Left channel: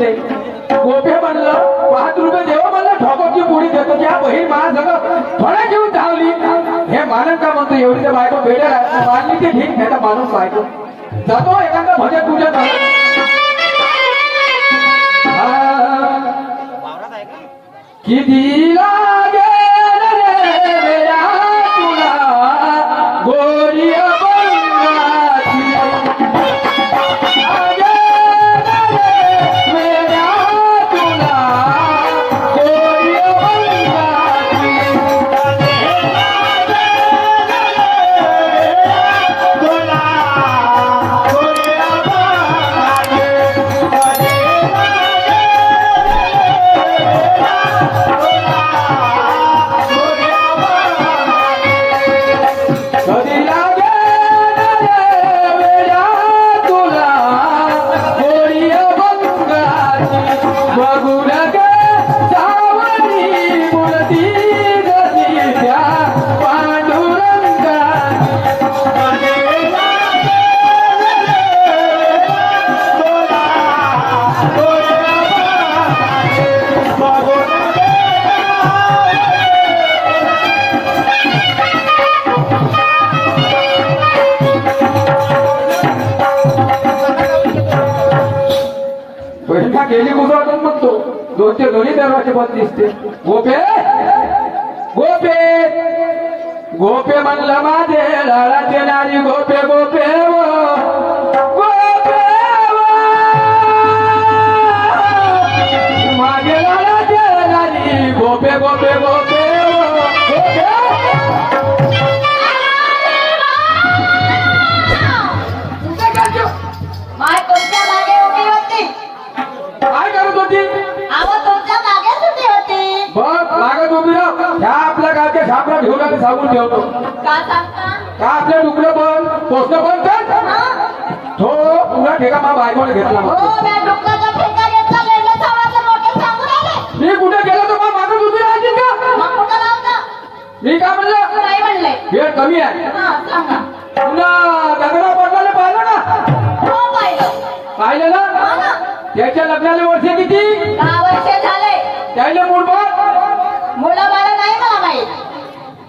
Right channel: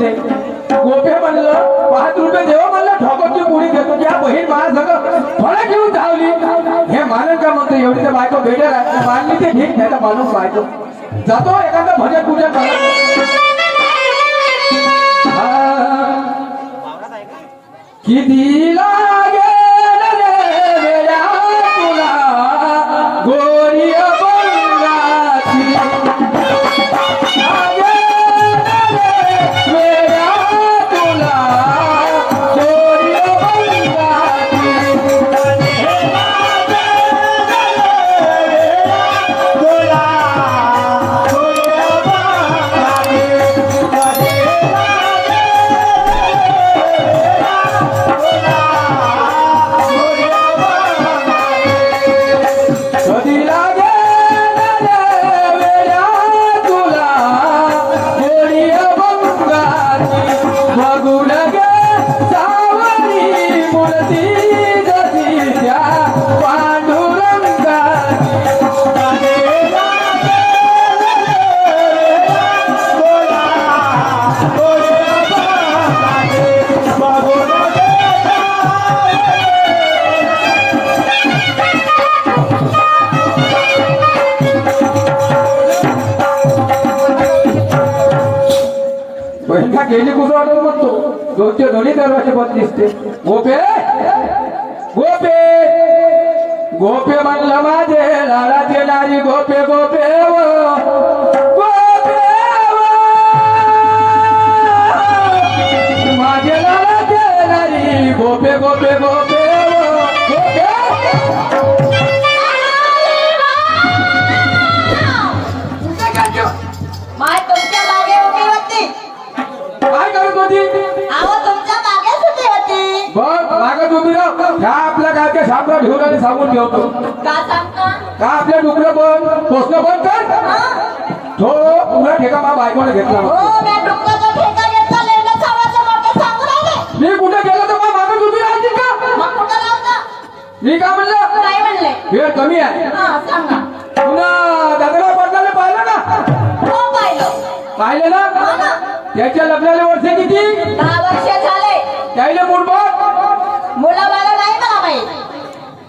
देते गोपे म्हणलं पाच रुपये देव म्हणलं ठोकोची पोळी देतो. त्या बहीण मला सगळं फळा घेऊन धावली. हे मानन का म्हणतो एवढी बायको भेटेल. मानली ते ठीक नाही माणूस बायको. जातो एखादा भजन पूजन कितीला गेली कुसळत म्हणतो दोनचे दोन्ही दरवाजे बंद दिसते. गोपे! गोपे! गोपे म्हणलं माझे लाडाचे लारी गोपे गोपे गोपे सांगून ठेवतो का आपल्या डुकरं बंद? पोचणं बंद कर. तो पुन्हा ठेका घेतला. हो डोक्याचा ठेका घेतला राहिले मी कुठे गेलो? मी का म्हणलं? काय म्हणले. वेळ कमी आहे. हा सांगा. पुन्हा दगडा पडलेलं पाहिलं ना हो पाहिलं. पाहिलं हो ना. ना त्याच्या लग्नाला वर्ष किती? दहा वर्ष झाले. त्याला मुलं मला नाही मला माहीत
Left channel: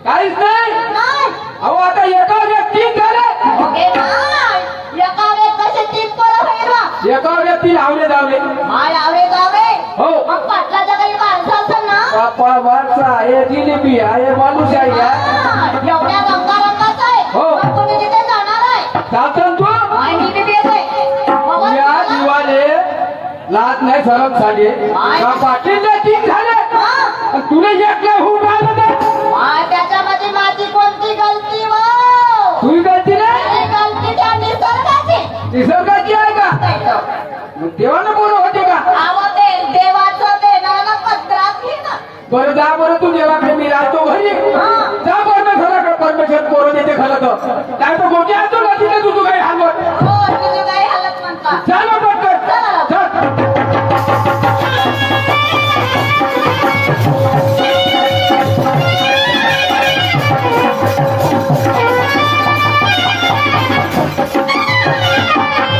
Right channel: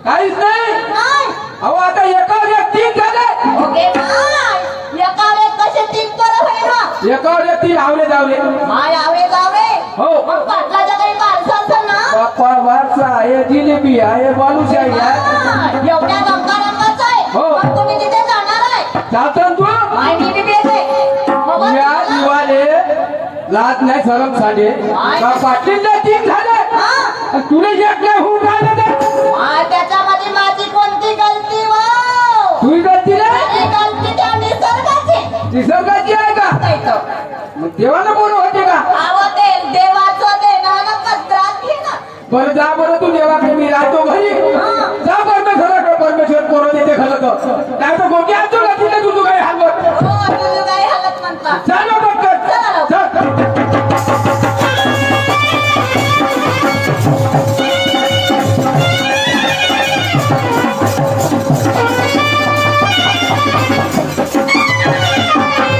काहीच नाही? नाही. अहो आता एका व्यक्ती झाले. ओके नाही एका कसे तीन पोरं होईल बा? एका व्यक्ती लावले जावले आवे जावे. हो. पाटलाचं काही माणसं असेल ना? बाप्पा वारसा. आहे जिलेबी आहे बालूशाही आहे हा, एवढ्या रंगाचं आहे. हो. तुम्ही तिथे जाणार आहे. चालतं तू? माय मी बी येते. बघा या तुम्हाला. दिवाले लाज नाही सरम साडे का तीन झाले? हा, आणि तुला एक नाही होऊन राहिलं ते माय त्याच्यामध्ये माझी कोणती गलती व तुझी गलती नाही? माझी गलती त्या निसर्गाची. निसर्गाची आहे का? नाही तर. मग देवाला बोल होते का? बरं जा बरं तू देवाकडे